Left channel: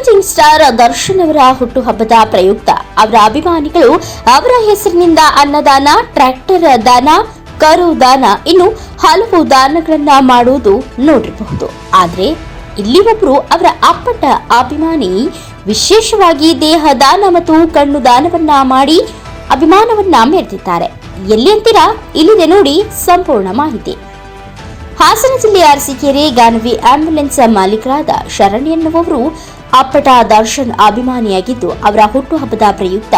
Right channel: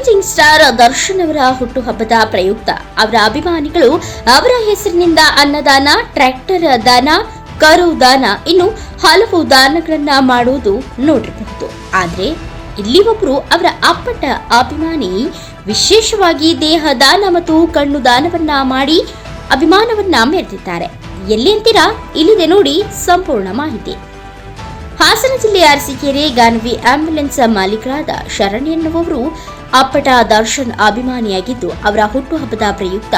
Challenging star Darshan ಅವರ ಹುಟ್ಟುಹಬ್ಬದ ಪ್ರಯುಕ್ತ. ಅವರ ಅಭಿಮಾನಿಗಳು ಅವರ ಹೆಸರಿನಿಂದ ಅನ್ನದಾನ ಟ್ರ್ಯಾಕ್ಟರ್ ದಾನ, ಕರು ದಾನ, ಇನ್ನು ಹಲವು ದಾನಗಳನ್ನ ಮಾಡುವುದು ನೋಡಿರಬಹುದು. ಆದ್ರೆ ಇಲ್ಲಿ ಒಬ್ರು ಅವರ ಅಪ್ಪಟ ಅಭಿಮಾನಿ ವಿಶೇಷವಾಗಿ ದೇಹ ದಾನ ಮತ್ತು ಕಣ್ಣು ದಾನವನ್ನ ಮಾಡಿ ಅಭಿಮಾನವನ್ನ ಮೆರೆದಿದ್ದಾರೆ. ಎಲ್ಲಿ ಅಂತೀರಾ? ಇಲ್ಲಿದೆ ನೋಡಿ ಸಂಪೂರ್ಣ ಮಾಹಿತಿ. ಹಾಸನ ಜಿಲ್ಲೆ ಅರಸೀಕೆರೆ, ಗಾನವಿ ಆಂಬ್ಯುಲೆನ್ಸ್ ಮಾಲೀಕರಾದ ಶರಣ್ ಎನ್ನುವವರು ಅಪ್ಪಟ ದರ್ಶನ್ ಅಭಿಮಾನಿಯಾಗಿದ್ದು, ಅವರ ಹುಟ್ಟುಹಬ್ಬದ ಪ್ರಯುಕ್ತ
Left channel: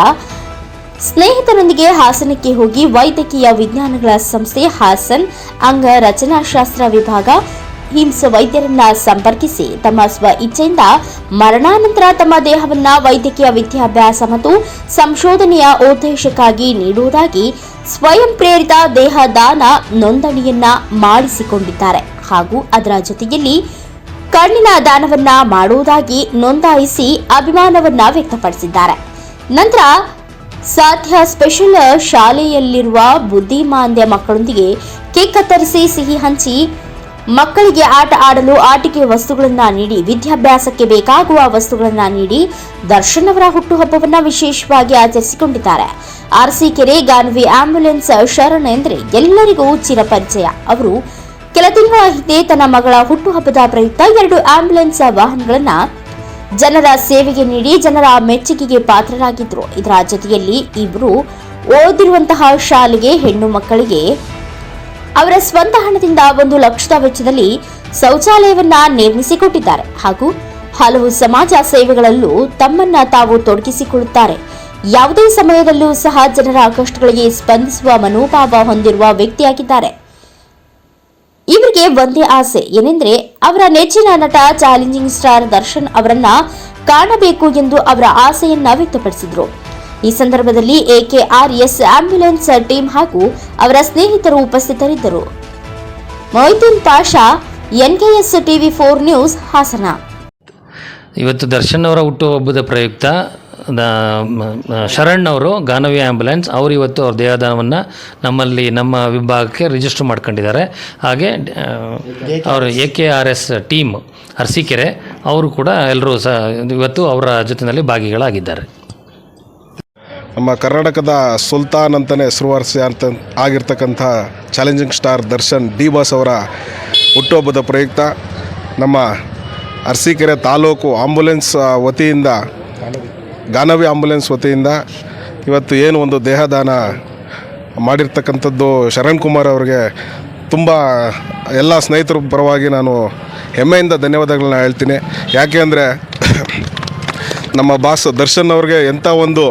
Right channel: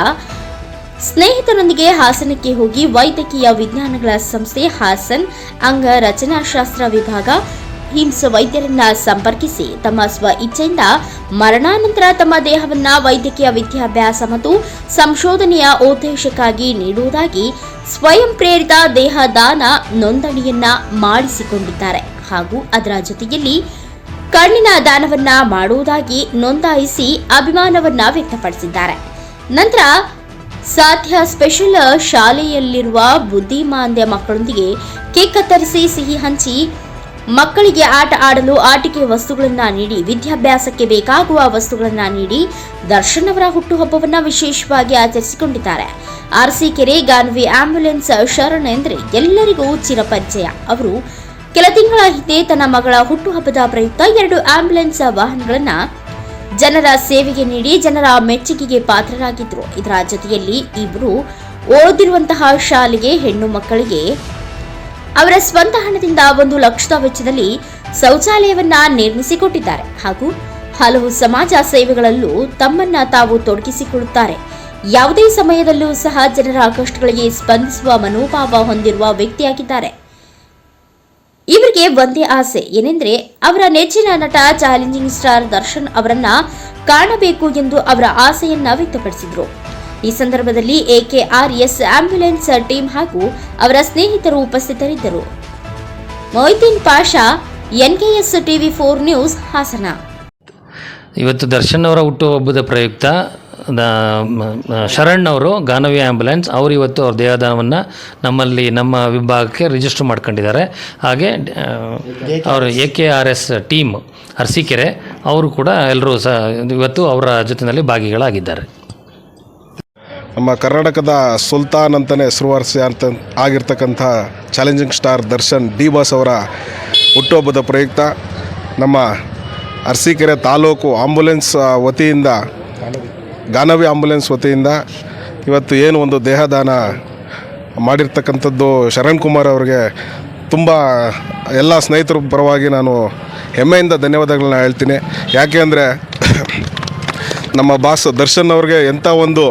ಸ್ನೇಹಿತರೊಂದಿಗೆ ಹಾಸನಕ್ಕೆ ಹೋಗಿ ವೈದ್ಯಕೀಯ ವಿಜ್ಞಾನಗಳ ಸಂಸ್ಥೆ ಹಾಸನ್ ಅಂಗ ರಚನಾಶಾಸ್ತ್ರ ವಿಭಾಗ ಹಿಮ್ಸ್ ವೈದ್ಯರನ್ನ ಸಂಪರ್ಕಿಸಿ, ತಮ್ಮ ಸ್ವ ಇಚ್ಛೆಯಿಂದ ಮರಣಾನಂತರ ತಮ್ಮ ದೇಹವನ್ನ ವೈದ್ಯಕೀಯ ವಿದ್ಯಾಭ್ಯಾಸ ಮತ್ತು ಸಂಶೋಧನೆಯ ಉದ್ದೇಶಕ್ಕಾಗಿ ನೀಡುವುದಾಗಿ ಸ್ವಯಂ ಪ್ರೇರಿತ ದೇಹ ದಾನ ನೋಂದಣಿಯನ್ನ ಮಾಡಿಸಿಕೊಂಡಿದ್ದಾರೆ. ಹಾಗೂ ಅದರ ಜೊತೆಯಲ್ಲಿ ಕಣ್ಣಿನ ದಾನವನ್ನ ಮಾಡುವುದಾಗಿ ನೋಂದಾಯಿಸಿ ಅಭಿಮಾನವನ್ನ ವ್ಯಕ್ತಪಡಿಸಿದ್ದಾರೆ. ನಂತರ ಸಾಧ್ಯ ಸ್ಪೆಷಲ್ ಶಾಲೆಯಲ್ಲಿರುವ ಬುದ್ಧಿಮಾಂದ್ಯ ಮಕ್ಕಳೊಂದಿಗೆ ಕೇಕ್ ಕತ್ತರಿಸಿ ಸಿಹಿ ಹಂಚಿ, ಮಕ್ಕಳಿಗೆ ಆಟ ಆಡಲು ಆಟಿಕೆ ವಸ್ತುಗಳನ್ನ ನೀಡಿ, ವಿದ್ಯಾಭ್ಯಾಸಕ್ಕೆ ಬೇಕಾಗುವ ವಸ್ತುಗಳನ್ನ ನೀಡಿ ದರ್ಶನ್ ಅವರ ಹುಟ್ಟುಹಬ್ಬವನ್ನ ವಿಶೇಷವಾಗಿ ಆಚರಿಸಿಕೊಂಡಿದ್ದಾರೆ. ಅರಸೀಕೆರೆ ಗಾನ್ವಿ ಆಂಬ್ಯುಲೆನ್ಸ್ ಶರಣ ಎಂದರೆ ಎಲ್ಲರಿಗೂ ಚಿರಪರಿಚಯ. ಅವರು ಕೆಲ ತಿಂಗಳ ಹಿಂದೆ ತನ್ನ ಮಗಳ ಹುಟ್ಟುಹಬ್ಬದ ಪ್ರಯುಕ್ತ ಎರಡು ಆಂಬ್ಯುಲೆನ್ಸ್ ವಾಹನಗಳನ್ನ ಜನರ ಸೇವೆಗೆ ನೀಡಿ ಜನರ ಮೆಚ್ಚುಗೆಗೆ ಪಾತ್ರರಾಗಿದ್ರು. ಇದರ ಜೊತೆಯಲ್ಲಿ ಇವರು ಓದಿರುವಂತಹ ಶಾಲೆಗೆ ಹೆಣ್ಣು ಮಕ್ಕಳಿಗೆ ಅವರ ಸ್ವಂತ ಹಣದಿಂದ ಒಂದು ಲಕ್ಷದ ವೆಚ್ಚದಲ್ಲಿ ಶೌಚಾಲಯವನ್ನ ನಿರ್ಮಿಸಿಕೊಟ್ಟಿದ್ದಾರೆ. ಹಾಗೂ ಹಲವು ಸಮಾಜ ಸೇವೆಗಳಲ್ಲೂ ತಮ್ಮನ್ನ ತಾವು ತೊಡಗಿಸಿಕೊಳ್ಳುತ್ತಾರೆ. ಯಾವುದೇ ಸಮಯದಲ್ಲೂ ಸಹ ಜನರ ಕಷ್ಟಗಳಿಗೆ ಸ್ಪಂದಿಸುವ ಮನೋಭಾವ ಹೊಂದಿರುವ ವ್ಯಕ್ತಿಯಾಗಿದ್ದಾರೆ. ಇವರಿಗೆ ಒಂದೇ ಆಸೆ ಏನೆಂದ್ರೆ ಅವರ ನೆಚ್ಚಿನ ನಟ ಚಾಲೆಂಜಿಂಗ್ ಸ್ಟಾರ್ ದರ್ಶನ್ ಅವರನ್ನ ಕಾಣಬೇಕು ಎಂದು ಅವರ ಆಸೆಯನ್ನ ವ್ಯಕ್ತಪಡಿಸಿದ್ರು. ಈ ಸಂದರ್ಭದಲ್ಲಿ ಎಕೆಆರ್ಎಸ್ ಆಂಬ್ಯುಲೆನ್ಸ್ ಟೀಮ್ ಹಾಗೂ ಅವರ ಸ್ನೇಹಿತರು ಉಪಸ್ಥಿತರಿದ್ದರು. Moideen Pasha, NKS TV four news Hassan. ಇವತ್ತು ದರ್ಶನ್ ಅವರ ಹುಟ್ಟುಹಬ್ಬದ ಪ್ರಯುಕ್ತ ಶರಣ್ ಅವರು, ಗಾನವಿ ಆ್ಯಂಬುಲೆನ್ಸ್ ಅವರು ಇವತ್ತು ಅವ್ರ ದೇಹದಾನವನ್ನು ನಮ್ಮಲ್ಲಿ, ನಮ್ಮ ವಿಭಾಗಕ್ಕೆ ರಿಜಿಸ್ಟರ್ ಮಾಡ್ಕೊಂಡಿದ್ದಾರೆ. ಹಾಗೆ ಅವರು A K R S team Arsikere, ಅವರು ಕೂಡ ಎಲ್ಲರೂ ಸಹ ಇವತ್ತು ಅವರ ಜೊತೆಯಲ್ಲಿ ಭಾಗಿಗಳಾಗಿದ್ದಾರೆ. ನಮ್ಮ ಕರ್ನಾಟಕದ ಸುಲ್ತಾನ್ ಅಂತಲೇ ಹೆಸರುವಾಸಿ ಅಂತ ಆಗಿರ್ತಕ್ಕಂಥ challenging star Darshan D boss ಅವರ ಹುಟ್ಟುಹಬ್ಬದ ಪ್ರಯುಕ್ತ ನಮ್ಮ ಅರಸೀಕೆರೆ ತಾಲೂಕು ಆಂಬುಲೆನ್ಸ್ ವತಿಯಿಂದ ಗಾನವಿ ಆಂಬುಲೆನ್ಸ್ ವತಿಯಿಂದ ಇವತ್ತು ಏನು ಒಂದು ದೇಹದಾನ ಮಾಡಿರ್ತಕ್ಕಂಥದ್ದು ಶರಣ್ ಕುಮಾರ್ ಅವರಿಗೆ ತುಂಬ ಎಲ್ಲ ಸ್ನೇಹಿತರ ಪರವಾಗಿ ನಾನು ಹೆಮ್ಮೆಯಿಂದ ಧನ್ಯವಾದಗಳನ್ನ ಹೇಳ್ತೀನಿ. ಯಾಕೆ ಅಂದರೆ ನಮ್ಮ ಬಾಸ್ ದರ್ಶನ್ ಅವ್ರಿಗೆ ಎಂಥ ಒಂದು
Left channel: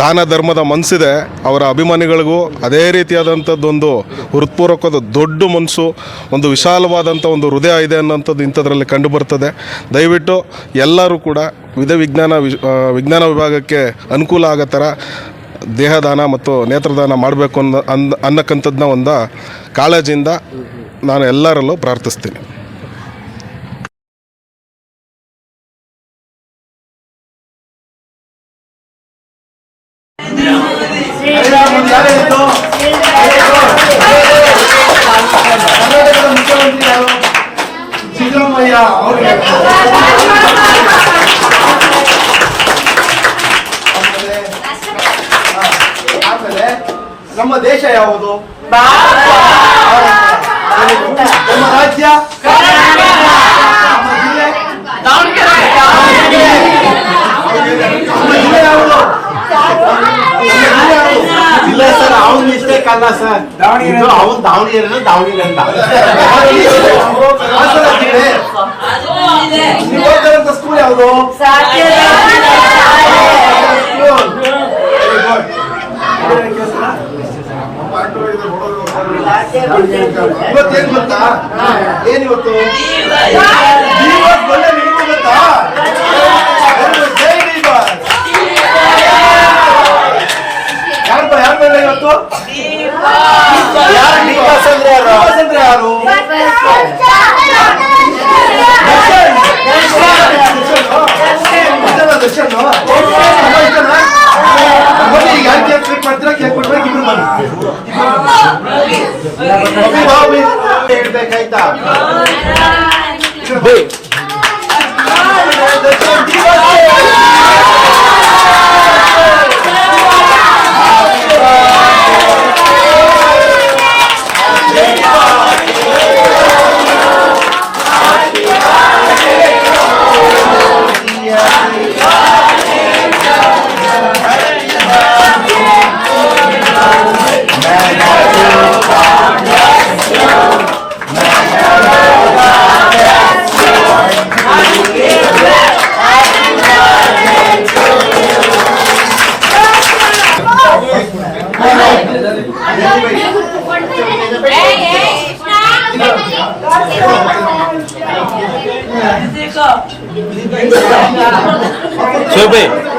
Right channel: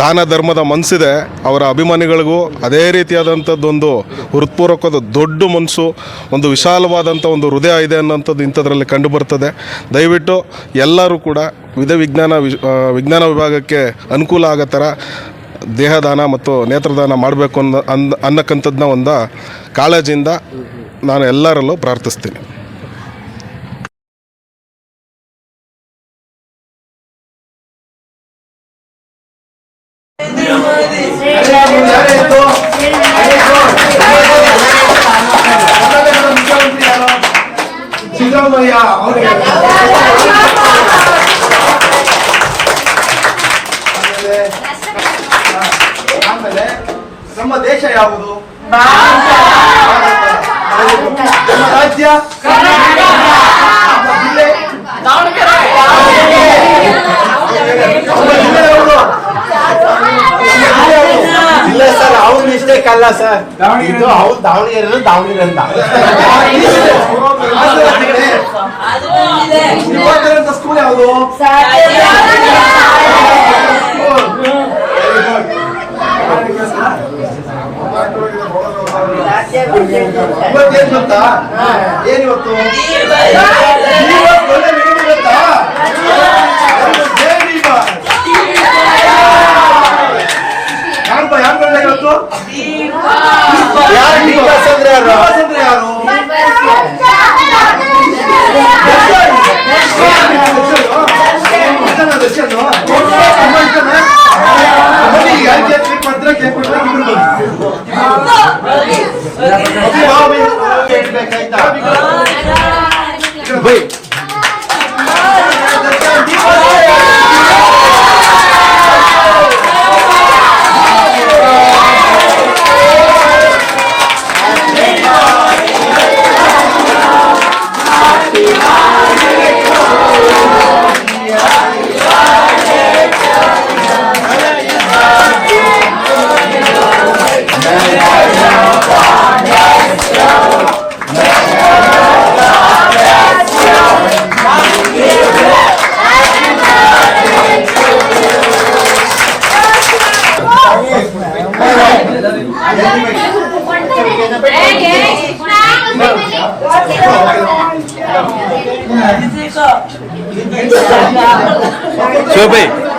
ದಾನ ಧರ್ಮದ ಮನಸ್ಸಿದೆ ಅವರ ಅಭಿಮಾನಿಗಳಿಗೂ ಅದೇ ರೀತಿಯಾದಂಥದ್ದೊಂದು ಹೃತ್ಪೂರ್ವಕದ ದೊಡ್ಡ ಮನಸ್ಸು ಒಂದು ವಿಶಾಲವಾದಂಥ ಒಂದು ಹೃದಯ ಇದೆ ಅನ್ನೋಂಥದ್ದು ಇಂಥದ್ರಲ್ಲಿ ಕಂಡುಬರ್ತದೆ. ದಯವಿಟ್ಟು ಎಲ್ಲರೂ ಕೂಡ ವಿಧ ವಿಜ್ಞಾನ ವಿಜ್ಞಾನ ವಿಭಾಗಕ್ಕೆ ಅನುಕೂಲ ಆಗೋ ಥರ ದೇಹದಾನ ಮತ್ತು ನೇತ್ರದಾನ ಮಾಡಬೇಕು ಅನ್ನೋ ಅಂದ ಅನ್ನಕ್ಕಂಥದ್ದನ್ನ ಒಂದು ಕಾಳಜಿಯಿಂದ ನಾನು ಎಲ್ಲರಲ್ಲೂ ಪ್ರಾರ್ಥಿಸ್ತೀನಿ. ಆಮೇಲೆ ಆಮೇಲೆ ನಮ್ಮ ದೇಶ ಯಾವುದು? ನಮ್ಮ ರಾಜ್ಯ ನಮ್ಮ ಜಿಲ್ಲೆ? ನಮ್ಮ ಜಿಲ್ಲೆ ಯಾವುದು? ಜಿಲ್ಲೆ ಸರ್, ಅವ್ರ ಮಿಸ್ಟೇಕ್ ಅಲ್ಲ ಸರ್. ದಾವಣಗೆರೆ ಅವ್ರು ದಾವಣಗೆರೆ ದಾವಣಗೆರೆ ಅಂತ. ನೀವು ಓದ್ತಿರೋಂಥ ಸ್ಕೂಲ್ ಯಾವುದು ಇವತ್ತೇನ್ ಗೊತ್ತಾ ಏನ್ ಇವತ್ತು ಇವತ್ತು ಒಳ್ಳೆ ನಿಮಗೆ ಗೊತ್ತಾ? ಕೊಡ್ತೀರಾ ಕೇಕ್ ಕೊಡ್ತೀರಾ ಗಿಫ್ಟ್ ಬನ್ನಿ ಬೇಕಾಯ್ತಾ ಬೈ 这个。